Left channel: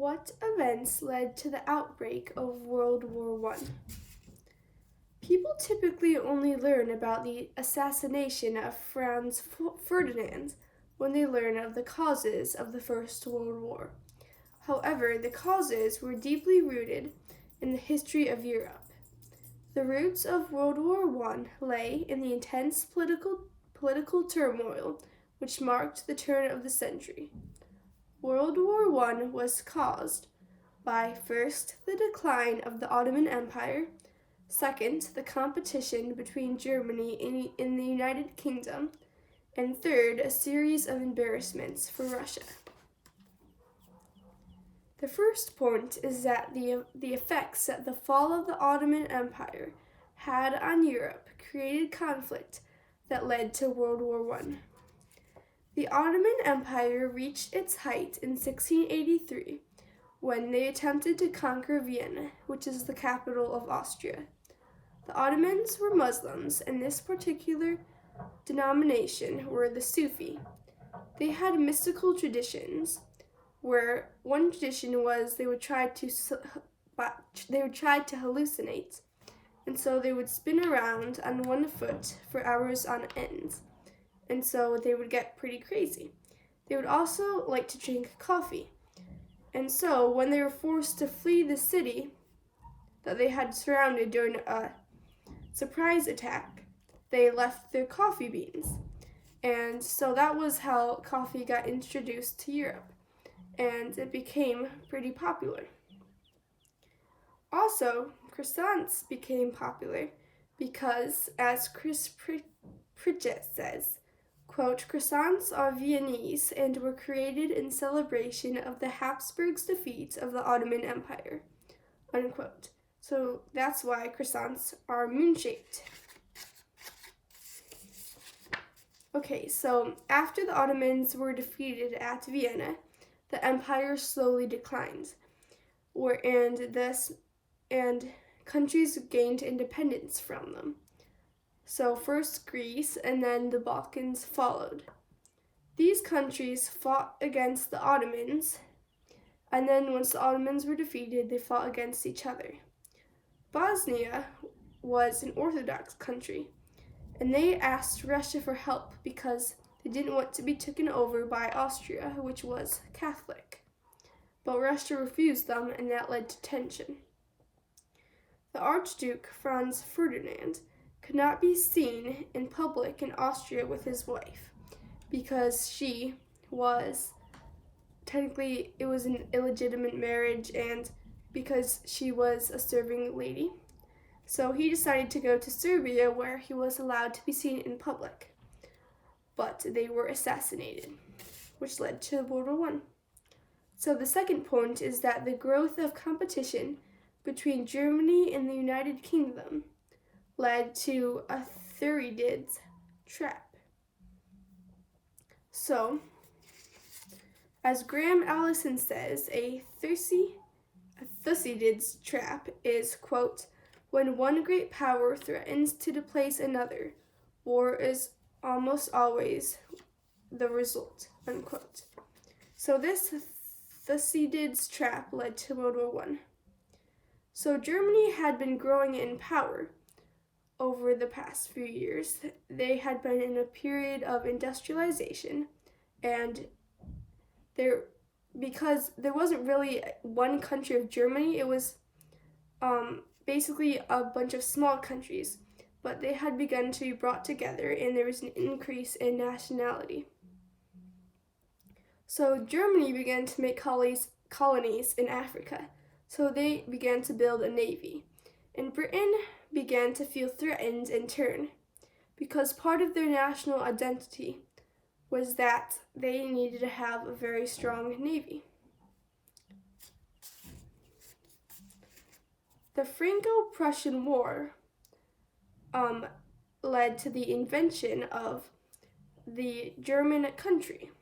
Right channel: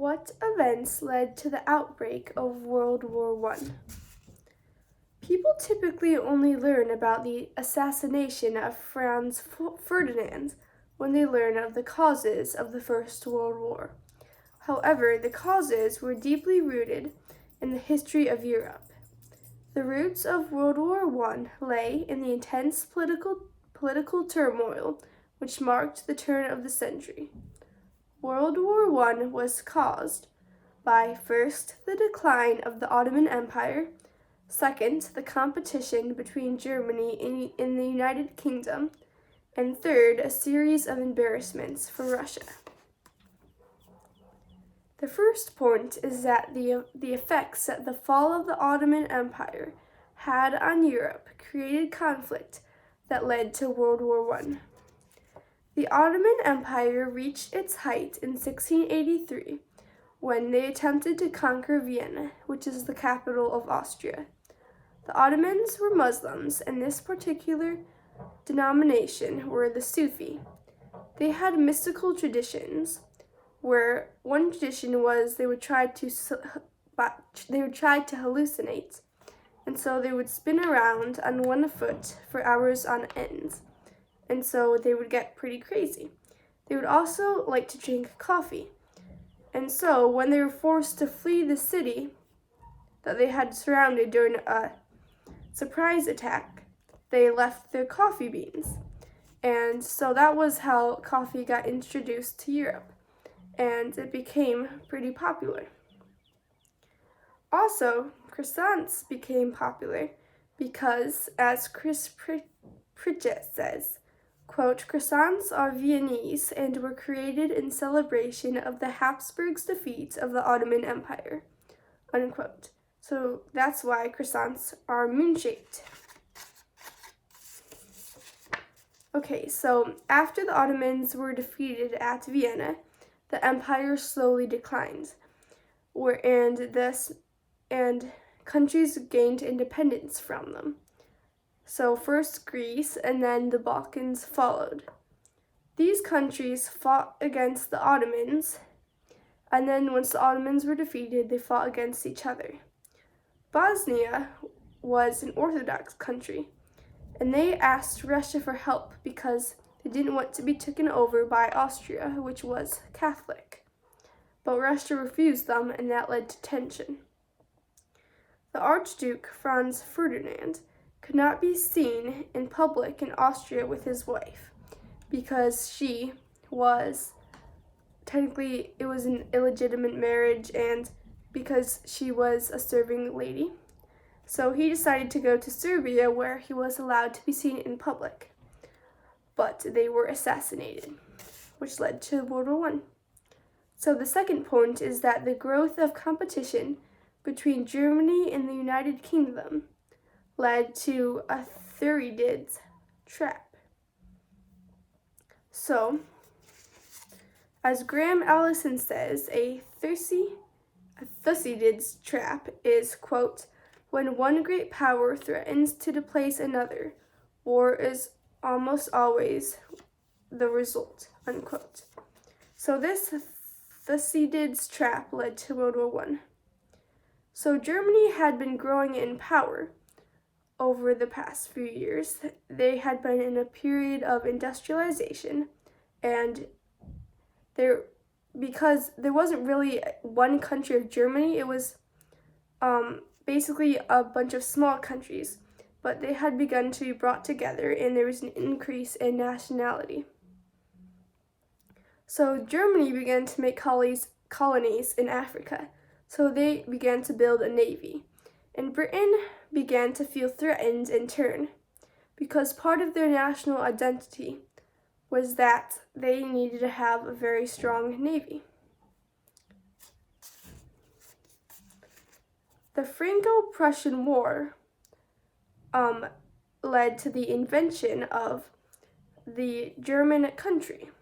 What events led to the outbreak of World War I? People typically only learn about the assassination of Franz Ferdinand when they learn of the causes of the First World War. However, the causes were deeply rooted in the history of Europe. The roots of World War I lay in the intense political turmoil which marked the turn of the century. World War I was caused by, first, the decline of the Ottoman Empire, second, the competition between Germany and the United Kingdom, and third, a series of embarrassments for Russia. The first point is that the effects that the fall of the Ottoman Empire had on Europe created conflict that led to World War I. The Ottoman Empire reached its height in 1683 when they attempted to conquer Vienna, which is the capital of Austria. The Ottomans were Muslims, and this particular denomination were the Sufi. They had mystical traditions, where one tradition was they would try to hallucinate, and so they would spin around on one foot for hours on end, and so they would get pretty crazy. They would also like to drink coffee, and so when they were forced to flee the city that they had surrounded during a surprise attack, they left their coffee beans, and so that was how coffee got introduced to Europe, and it became pretty popular. Also, croissants became popular because, as Chris Pritchett says, quote, "Croissants are Viennese and were created in celebration of the Habsburgs' defeat of the Ottoman Empire," unquote. So that's why croissants are moon-shaped. Okay, so after the Ottomans were defeated at Vienna, the empire slowly declined, and countries gained independence from them. So first Greece and then the Balkans followed. These countries fought against the Ottomans, and then once the Ottomans were defeated, they fought against each other. Bosnia was an Orthodox country, and they asked Russia for help because they didn't want to be taken over by Austria, which was Catholic. But Russia refused them, and that led to tension. The Archduke Franz Ferdinand could not be seen in public in Austria with his wife because she was, technically it was an illegitimate marriage, and because she was a serving lady. So he decided to go to Serbia, where he was allowed to be seen in public. But they were assassinated, which led to World War I. So the second point is that the growth of competition between Germany and the United Kingdom led to a Thucydides trap. So, as Graham Allison says, a Thucydides trap is, quote, "when one great power threatens to displace another, war is almost always the result," unquote. So this Thucydides trap led to World War I. So Germany had been growing in power over the past few years. They had been in a period of industrialization, and because there wasn't really one country of Germany, it was basically a bunch of small countries, but they had begun to be brought together, and there was an increase in nationality. So Germany began to make colonies in Africa, so they began to build a navy, and Britain began to feel threatened in turn, because part of their national identity was that they needed to have a very strong navy. The Franco-Prussian War led to the invention of the German country.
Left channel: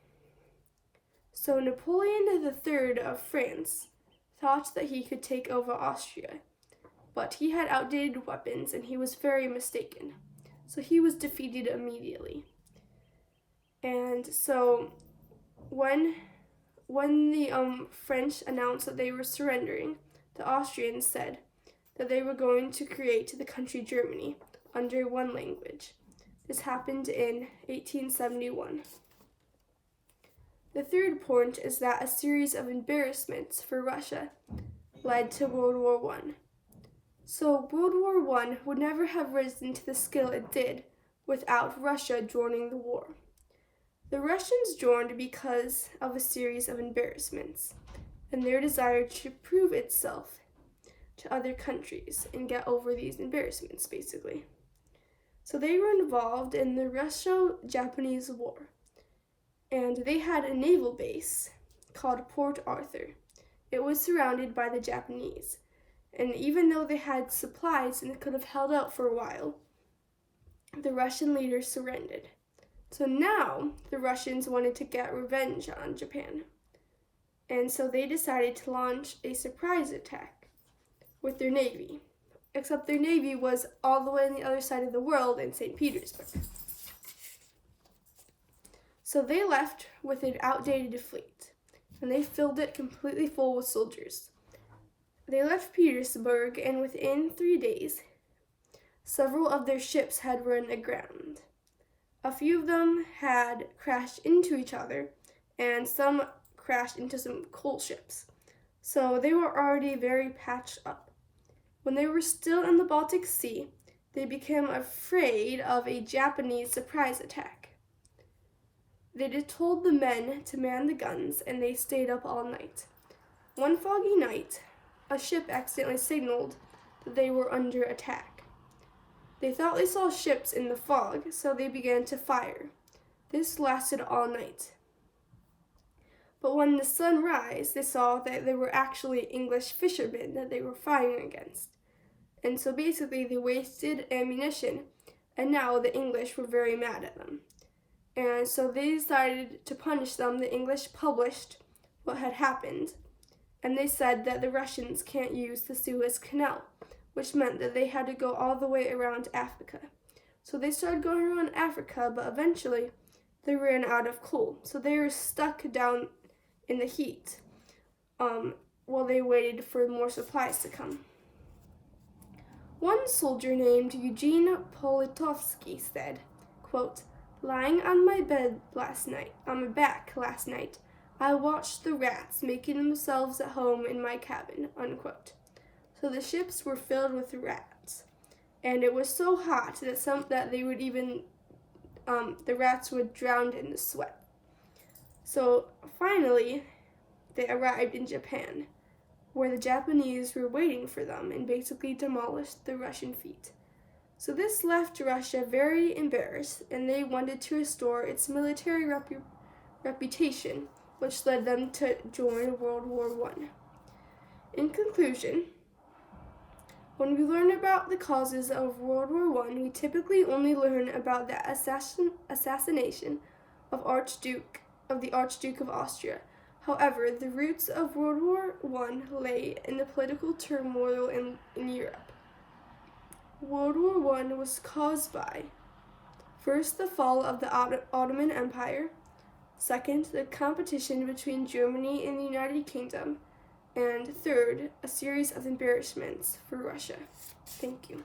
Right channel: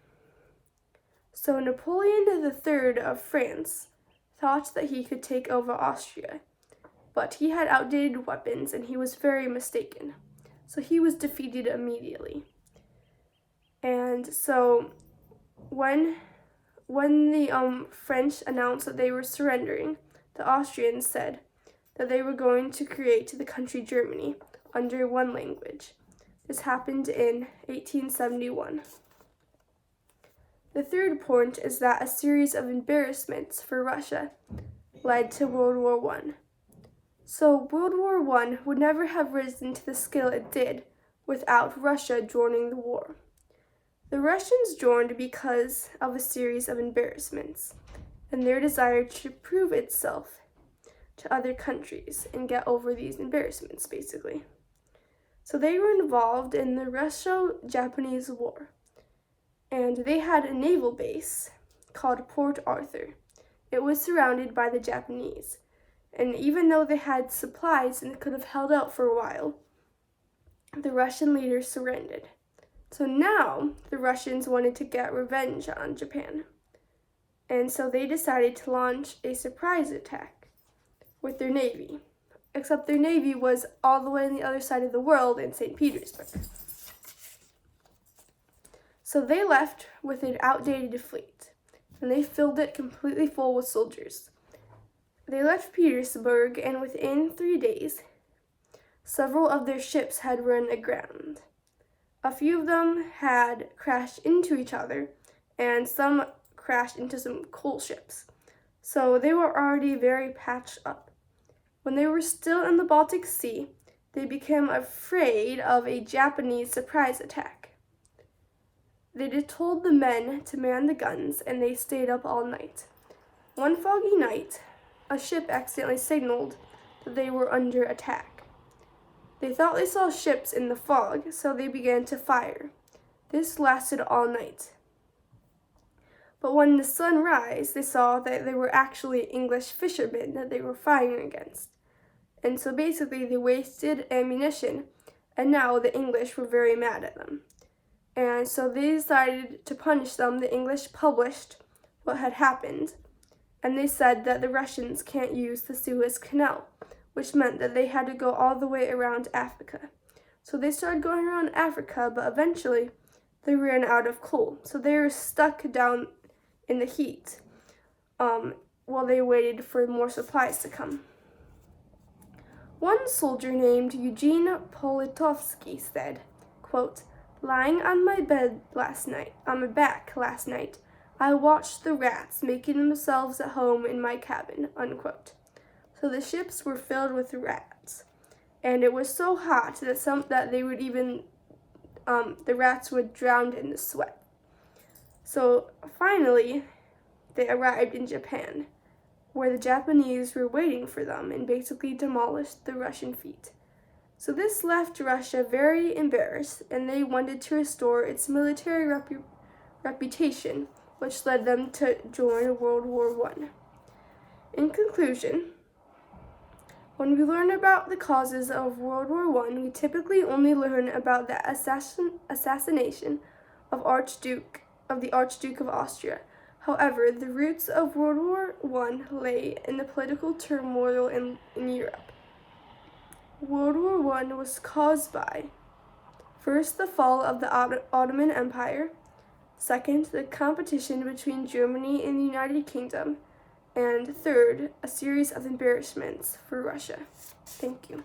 So Napoleon III of France thought that he could take over Austria, but he had outdated weapons and he was very mistaken. So he was defeated immediately. And so when when the French announced that they were surrendering, the Austrians said that they were going to create the country Germany under one language. This happened in 1871. The third point is that a series of embarrassments for Russia led to World War I. So World War I would never have risen to the scale it did without Russia joining the war. The Russians joined because of a series of embarrassments and their desire to prove itself to other countries and get over these embarrassments, basically. So they were involved in the Russo-Japanese War, and they had a naval base called Port Arthur. It was surrounded by the Japanese, and even though they had supplies and could have held out for a while, the Russian leaders surrendered. So now the Russians wanted to get revenge on Japan, and so they decided to launch a surprise attack with their navy, except their navy was all the way on the other side of the world in St. Petersburg. So they left with an outdated fleet, and they filled it completely full with soldiers. They left Petersburg, and within 3 days, several of their ships had run aground. A few of them had crashed into each other, and some crashed into some coal ships. So they were already very patched up. When they were still in the Baltic Sea, they became afraid of a Japanese surprise attack. They just told the men to man the guns, and they stayed up all night. One foggy night, a ship accidentally signaled that they were under attack. They thought they saw ships in the fog, so they began to fire. This lasted all night. But when the sun rose, they saw that they were actually English fishermen that they were firing against. And so basically they wasted ammunition, and now the English were very mad at them. And so they decided to punish them. The English published what had happened, and they said that the Russians can't use the Suez Canal, which meant that they had to go all the way around Africa. So they started going around Africa, but eventually they ran out of coal. So they were stuck down in the heat while they waited for more supplies to come. One soldier named Eugene Politovsky said, quote, "Lying on my back last night, I watched the rats making themselves at home in my cabin," unquote. So the ships were filled with rats, and it was so hot that they would even, the rats would drown in the sweat. So finally, they arrived in Japan, where the Japanese were waiting for them and basically demolished the Russian fleet. So this left Russia very embarrassed, and they wanted to restore its military reputation, which led them to join World War I. In conclusion, when we learn about the causes of World War I, we typically only learn about the assassination of the Archduke of Austria. However, the roots of World War I lay in the political turmoil in Europe. World War I was caused by, first, the fall of the Ottoman Empire, second, the competition between Germany and the United Kingdom, and third, a series of embarrassments for Russia. Thank you.